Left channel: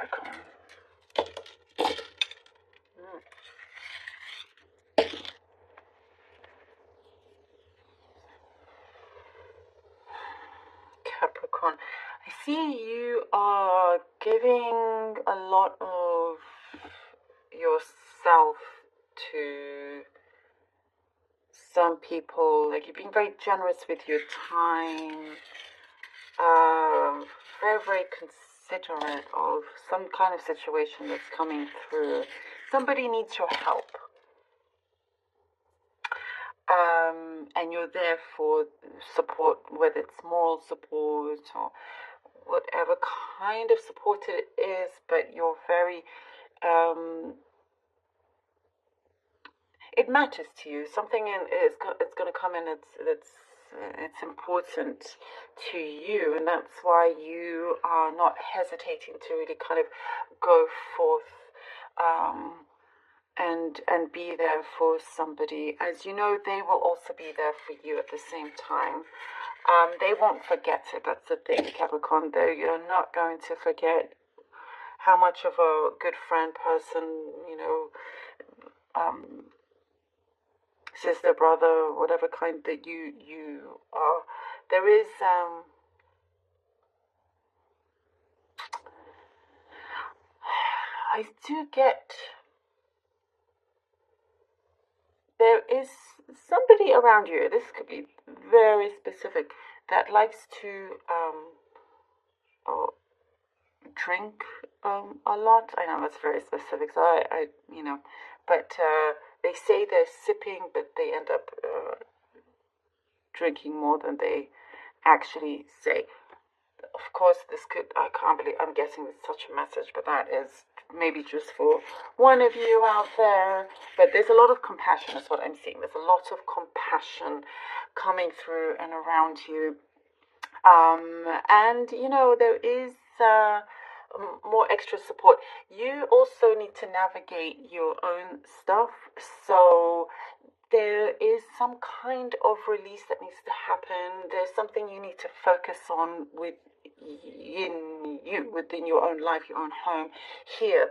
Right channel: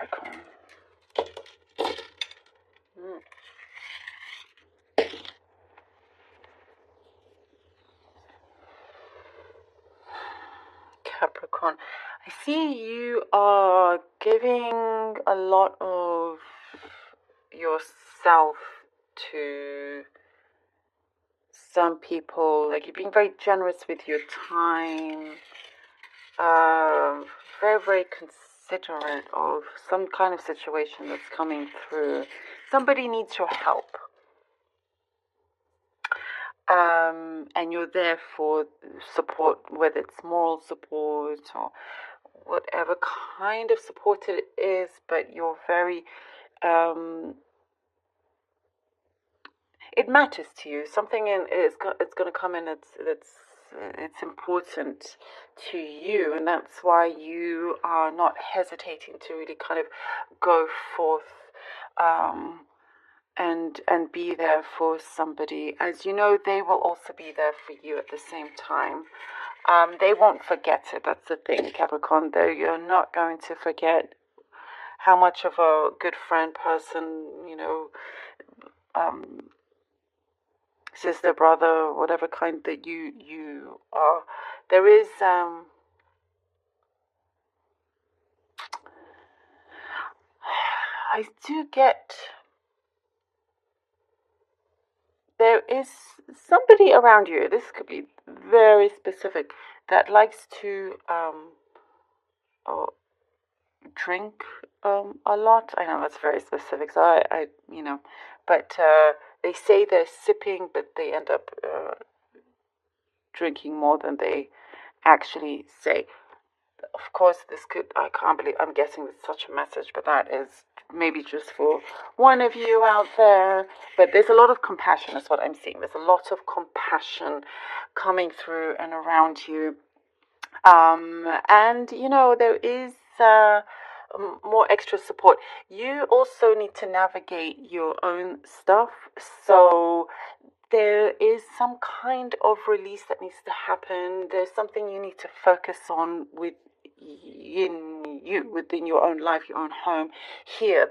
Capricorn. Capricorn, I see you are giving a lot of yourself to some people, like you're being very generous with your time, very, very considerate of some kind of situation that's coming through. Somebody needs your help. And you're there for support, whether it's moral support or whatever kind of support it is, but you're very, it matters to you. Something it's going to come in it's important to you, and that's why you are not hesitating to really kind of go forth and be there for somebody. As you know, they will also be there for you at the same time. They won't forget it. That's the thing, Capricorn. Though you're not going to forget how much of a good friend, person, sister, brother, whatever kind that you are. There is I do get, there is somebody around you, this could be very specific, that likes to drink a lot. I know that's very specific, so I but they say they're sipping, but they end up drinking more than they actually say. Of course, this could, I can't believe I'm guessing it's such a message, but that is maybe just for one of you out there. But there's a lot of compassion, is what I'm seeing. There's a lot of compassion coming through and around you. And, there is more extra support. You also need to navigate your own stuff. So there is some kind of release that needs to happen. There's something you need to focus on within your own life, your own home here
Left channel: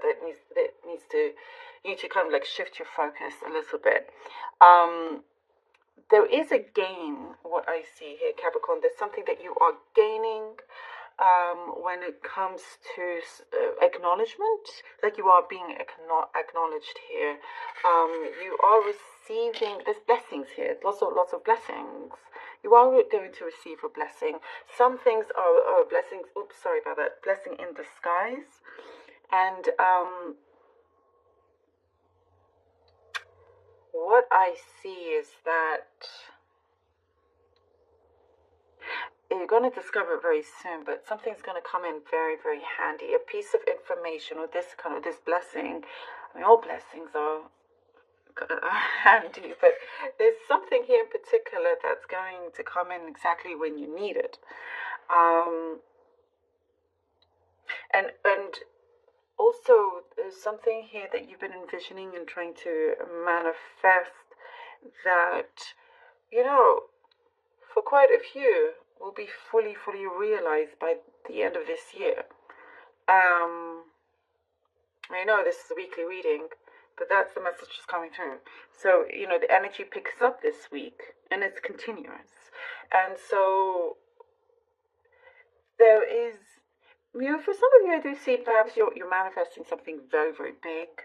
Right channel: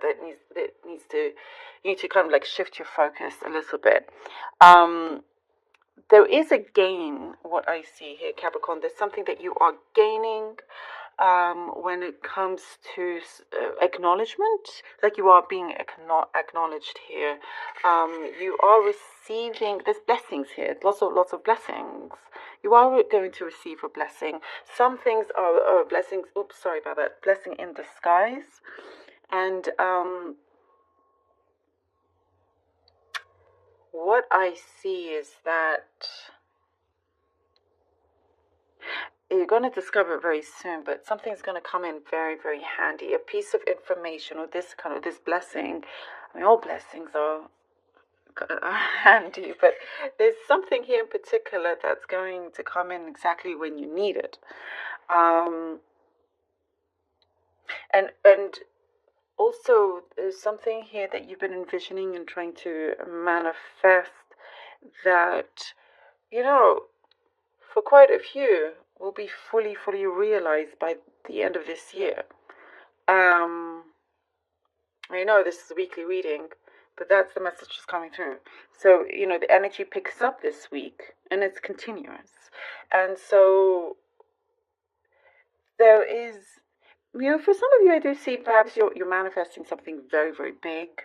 you need to kind of like shift your focus a little bit. There is a gain, what I see here, Capricorn. There's something that you are gaining when it comes to acknowledgement, like you are being acknowledged here. You are receiving, there's blessings here, lots of blessings. You are going to receive a blessing. Some things are blessings, blessing in disguise. And what I see is that you're going to discover it very soon, but something's going to come in very, very handy. A piece of information or this blessing. I mean, all blessings are handy, but there's something here in particular that's going to come in exactly when you need it. And also, there's something here that you've been envisioning and trying to manifest that, for quite a few, will be fully realized by the end of this year. I know this is a weekly reading, but that's the message that's coming through. So, the energy picks up this week, and it's continuous. And so, there is, for some of you, I do see perhaps you're manifesting something very, very big.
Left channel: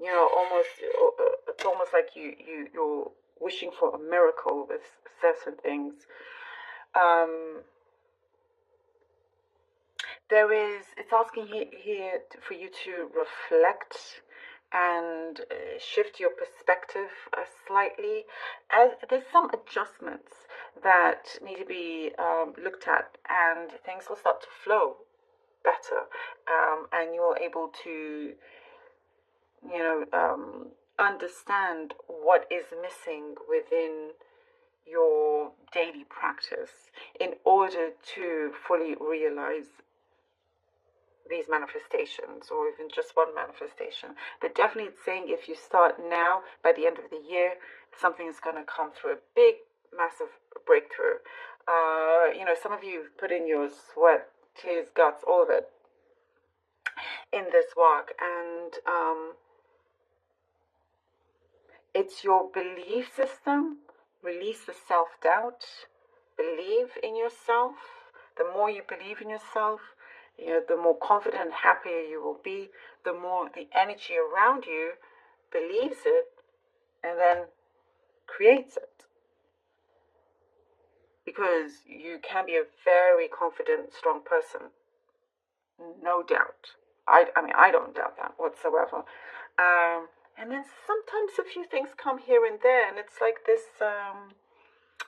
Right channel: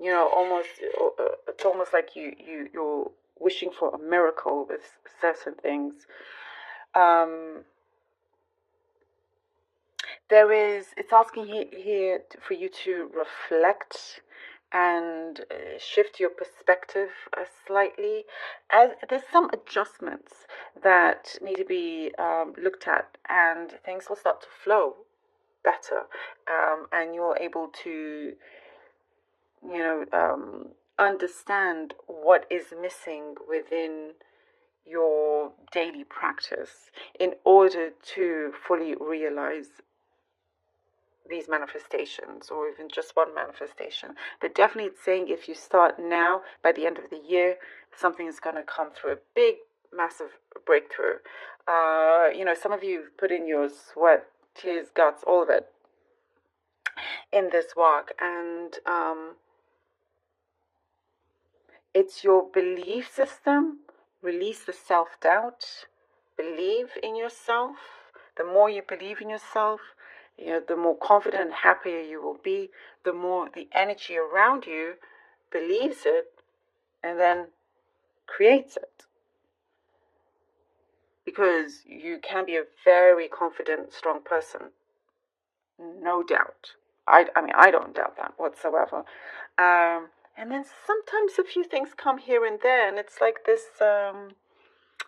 It's almost like you're wishing for a miracle with certain things. It's asking here for you to reflect and shift your perspective slightly. As there's some adjustments that need to be looked at, and things will start to flow better, and you're able to, understand what is missing within your daily practice in order to fully realize these manifestations, or even just one manifestation. But definitely it's saying if you start now, by the end of the year, something is going to come through, a big, massive breakthrough. Some of you put in your sweat, tears, guts, all of it. in this work. And it's your belief system. Release the self-doubt. Believe in yourself. The more you believe in yourself, the more confident and happier you will be. The more the energy around you believes it and then creates it. Because you can be a very confident, strong person. No doubt. I mean, I don't doubt that whatsoever. And then sometimes a few things come here and there, and it's like this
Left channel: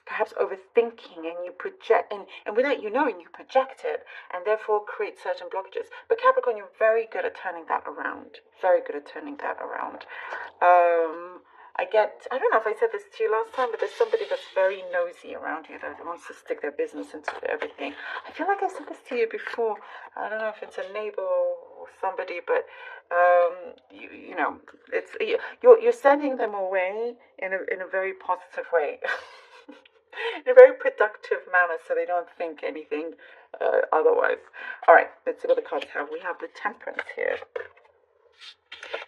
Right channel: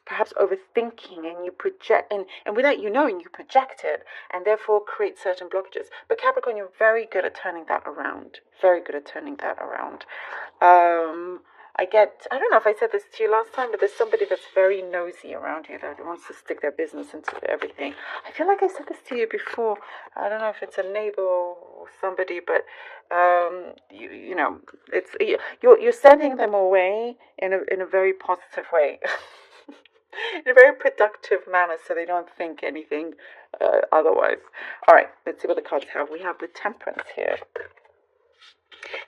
perhaps overthinking, and you project, and without you knowing, you project it, and therefore create certain blockages. But Capricorn, you're very good at turning that around. Very good at turning that around. I don't know if I said this to you last time, but there's somebody that's very nosy around you that wants to stick their business into everything. I feel like I said this to you before. I don't know if it's a neighbor or somebody, but you know, it's you're sending them away in a very positive way. In a very productive manner, so they don't think anything otherwise. All right, let's see what the cards have. We have the Temperance here.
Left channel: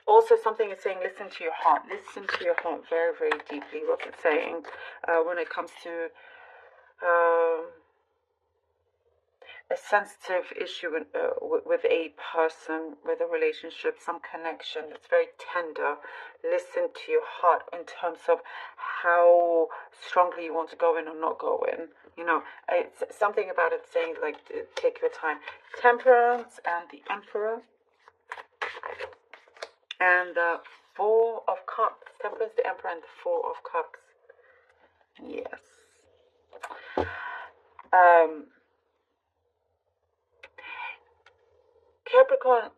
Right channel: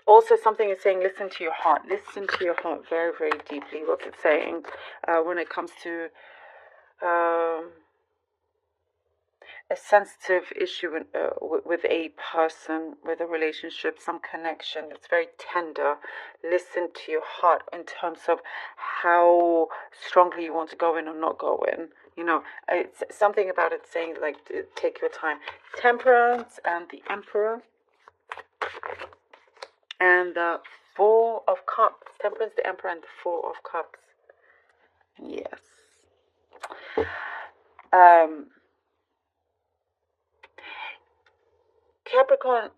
Also, something is saying, listen to your heart. Listen to your heart very, very deeply. What's it saying when it comes to a sensitive issue with a person, with a relationship, some connection that's very tender? Listen to your heart in terms of how strongly you want to go in or not go in. You know, it's something about it saying, like, take your time. Temperance and the Emperor. And the Four of Cups. Temperance, the Emperor, and the Four of Cups. Yes. Capricorn,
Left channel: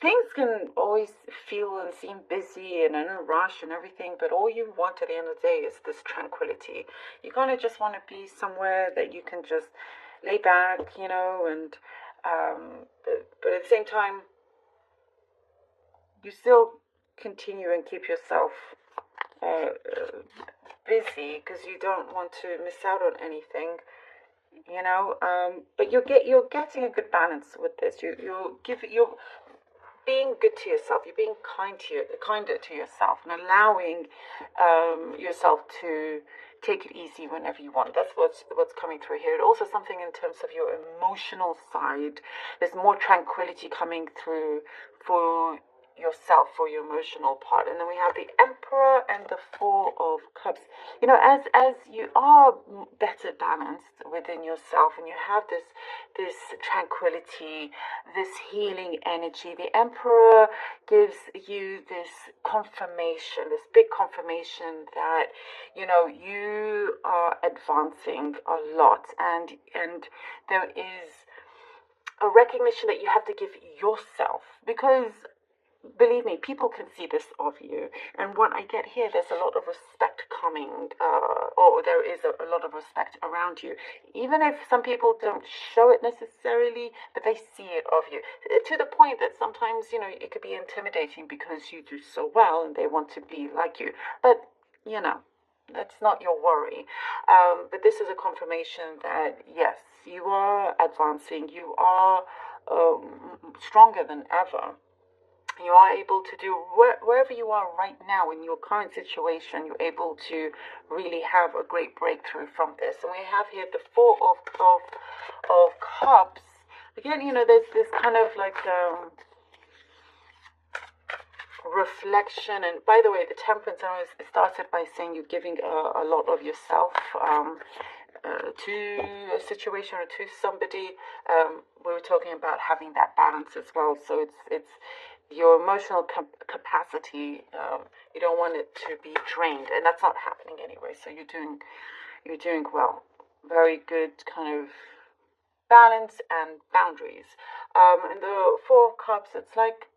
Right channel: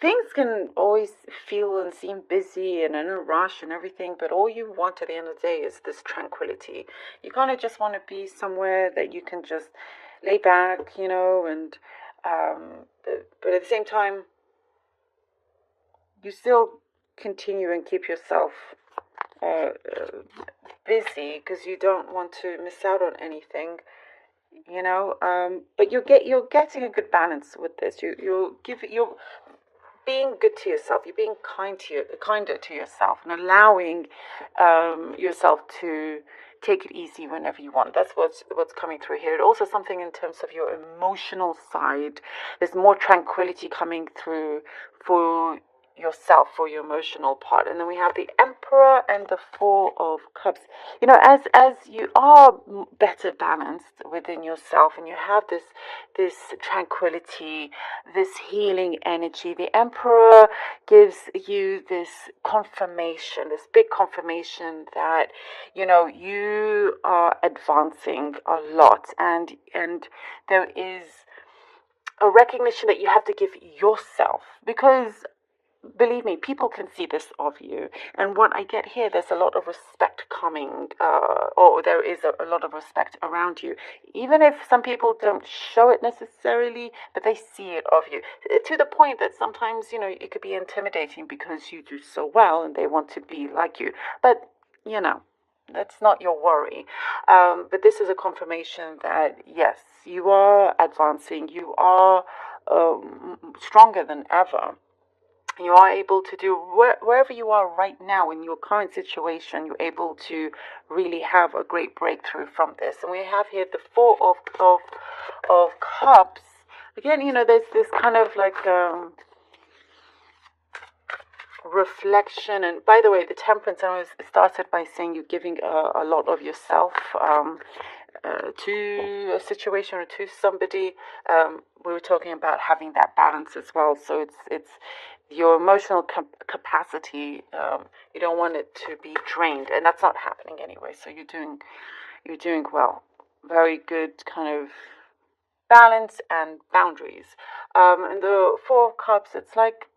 things can always feel and seem busy and in a rush and everything, but all you want at the end of the day is this tranquility. You kind of just want to be somewhere that you can just lay back, you know, and but at the same time, you still continue and keep yourself busy because you don't want to miss out on anything, you know. But you're getting a good balance with this. You're being good to yourself. You're being kinder to yourself, and allowing yourself to take it easy whenever you want. That's what's coming through here. Also, something in terms of your emotional side. There's more tranquility coming through for yourself, for your emotional part. And then we have the Emperor and the Four of Cups. You know, as you are better balanced within yourself, and you have this tranquility, this healing energy, the Emperor gives you this confirmation, this big confirmation that, you know, you are advancing a lot, and there is a recognition that you have to give yourself, because believe me, people can see this of you. And what I get here, there's a lot of respect coming, or there is a lot of respect around you. Even if some people don't show it necessarily, but they see it of you. To the point that sometimes, you know, it could be intimidating because you do so well and they want to be like you. But, you know, that's not your worry. But this is a confirmation that, yes, you are advancing. You are stronger than ever. You are able to do wherever you are right now in your current situation. You're able to really have a great breakthrough from this. And we have here the Four of Cups. Again, you know, there's this kind of like reflection. And by the way, the Temperance, I was started by saying you're giving a lot of yourself to a situation or to somebody. We were talking about having that balance as well. So it's your emotional capacity. You don't want it to be drained, and that's not happening anyway. So you're doing well. Very good kind of balance and boundaries. And the Four of Cups, it's like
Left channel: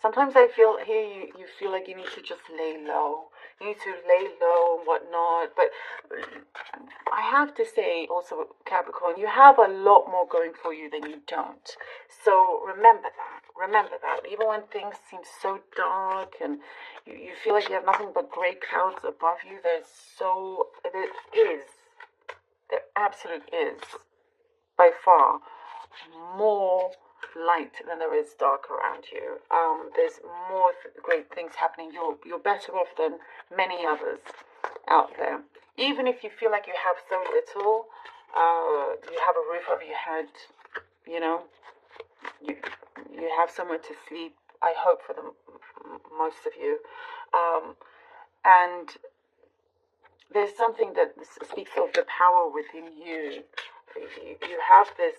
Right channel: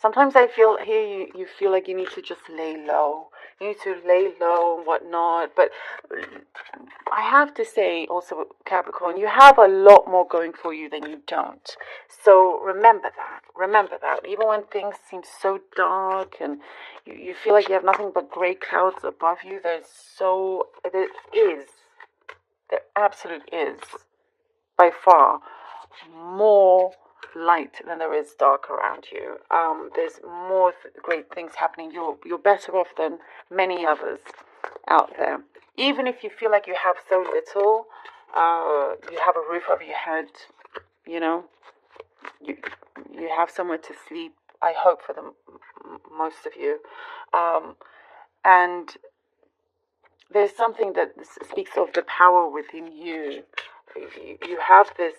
sometimes I feel here you feel like you need to just lay low. You need to lay low and whatnot. But I have to say also, Capricorn, you have a lot more going for you than you don't. So remember that. Remember that. Even when things seem so dark and you feel like you have nothing but gray clouds above you, there absolutely is, by far, more light than there is dark around you. There's more great things happening. You're better off than many others out there. Even if you feel like you have so little, you have a roof over your head, you know, you have somewhere to sleep. I hope for the most of you, and there's something that speaks of the power within you. You have this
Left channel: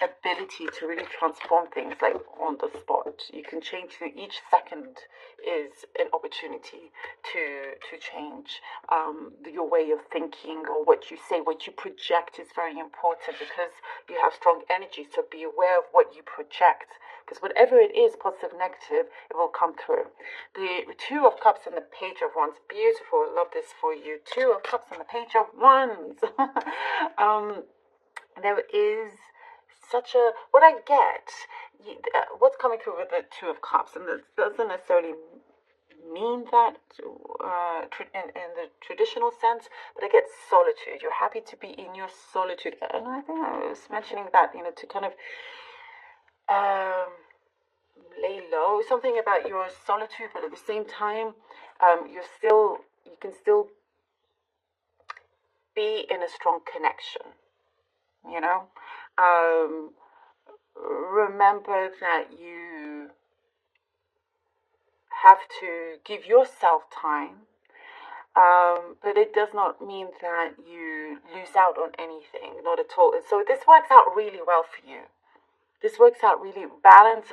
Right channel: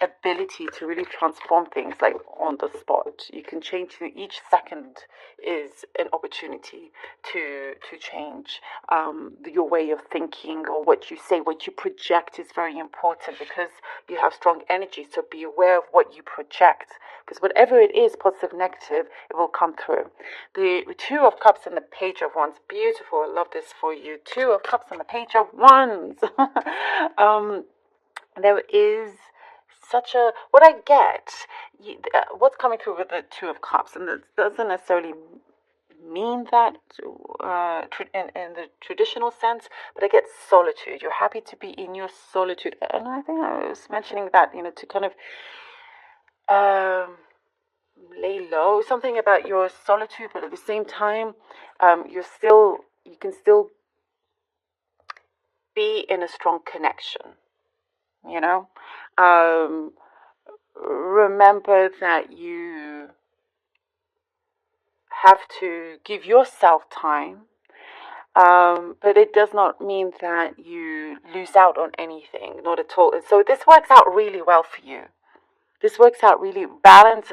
ability to really transform things like on the spot. You can change each second is an opportunity to change your way of thinking, or what you say, what you project is very important, because you have strong energy. So be aware of what you project, because whatever it is, positive, negative, it will come through. The Two of Cups and the Page of Wands, beautiful. I love this for you. Two of Cups and the Page of Wands. There is such a, what I get, what's coming through with the Two of Cups, and this doesn't necessarily mean that in the traditional sense, but I get solitude. You're happy to be in your solitude, and I think I was mentioning that, to kind of lay low, something about your solitude, but at the same time, you can still be in a strong connection. Remember that you have to give yourself time, but it does not mean that you lose out on anything, not at all. And so this works out really well for you. This works out really balance.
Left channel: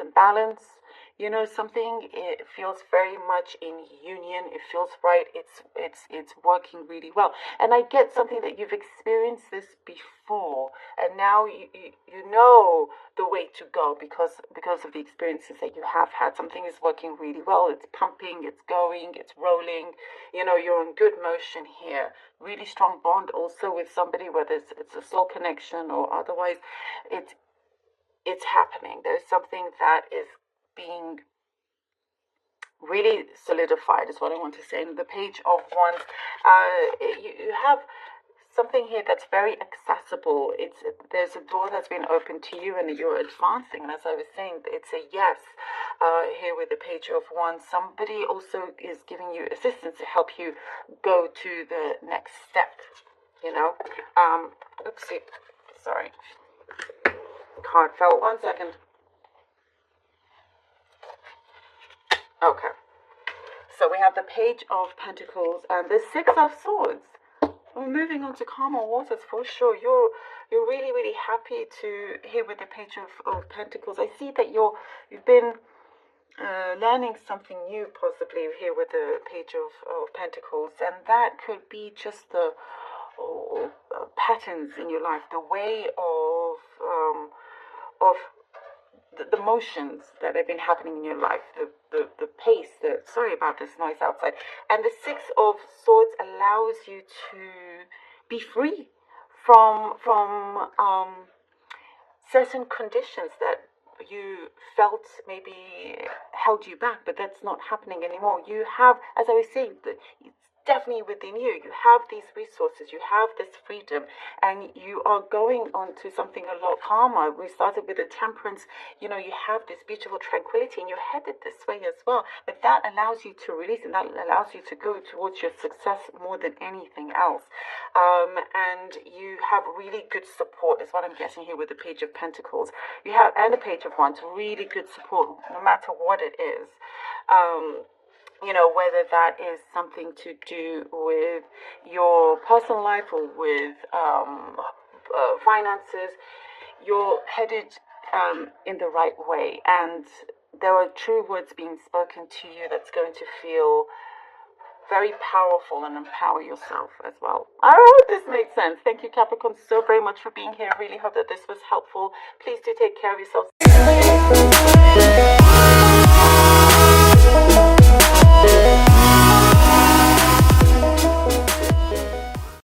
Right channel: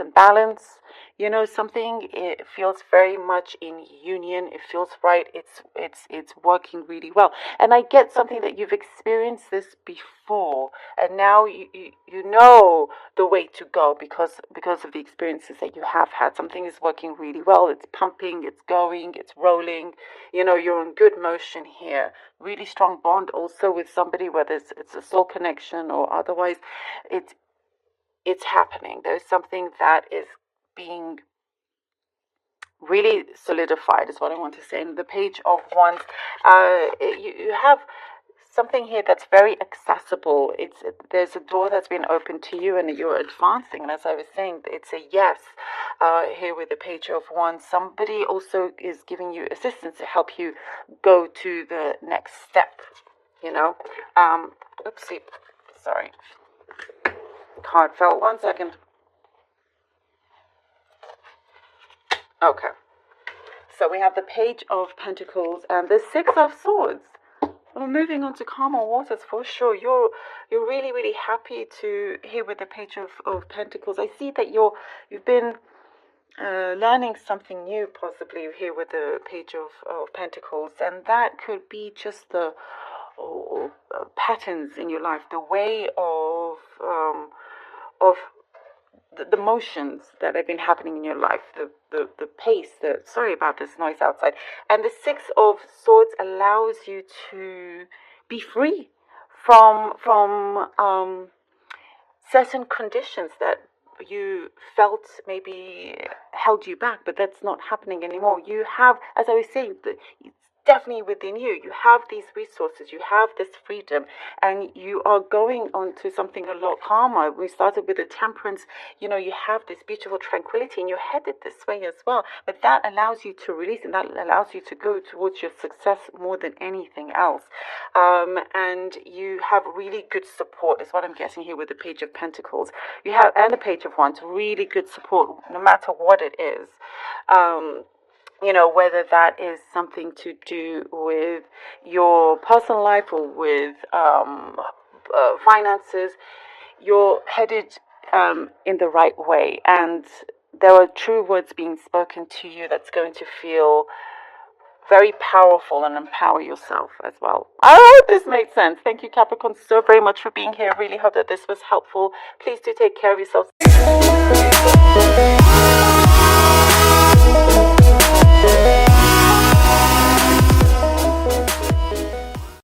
Something, it feels very much in union. It feels right. It's working really well. And I get something that you've experienced this before, and now you know the way to go because of the experiences that you have had. Something is working really well. It's pumping. It's going. It's rolling. You're in good motion here. Really strong bond also with somebody, whether it's a soul connection or otherwise. It's happening. There's something that is being really solidified, is what I want to say. And the Page of Wands, you have something here that's very accessible. There's a door that's been opened to you, and you're advancing. And as I was saying, it's a yes here with the Page of Wands. Somebody also is giving you assistance to help you go to the next step. Oopsie, sorry. Card fell. 1 second. Okay. So we have the Page of Pentacles and the Six of Swords. We're moving on to calmer waters for sure. You're really, really happy to here with the Page of Pentacles. I see that you've been learning something new, possibly here with the Page of Pentacles, and that could be just the patterns in your life, the way of the motions that have been happening in your life, the pace, sorry about this noise outside. And the Six of Swords allows you to be free from certain conditions that you felt maybe held you back, but that's not happening anymore. You have, as I was saying, it's definitely within you. You have these resources, you have this freedom, and you are going on to something a lot calmer. We started with the Temperance. You have this beautiful tranquility, and you're headed this way as well. But that allows you to release, and that allows you to go towards your success more than anything else. And you have really good support, is what I'm guessing here with the Page of Pentacles. You have, and the Page of Wands, really good support, no matter what it is. Whether that is something to do with your personal life or with finances, you're headed in the right way. And there are true words being spoken to you that's going to feel very powerful and empower yourself as well. I hope this made sense. Thank you, Capricorn, so very much for being here. I really hope that this was helpful. Please do take care of yourself.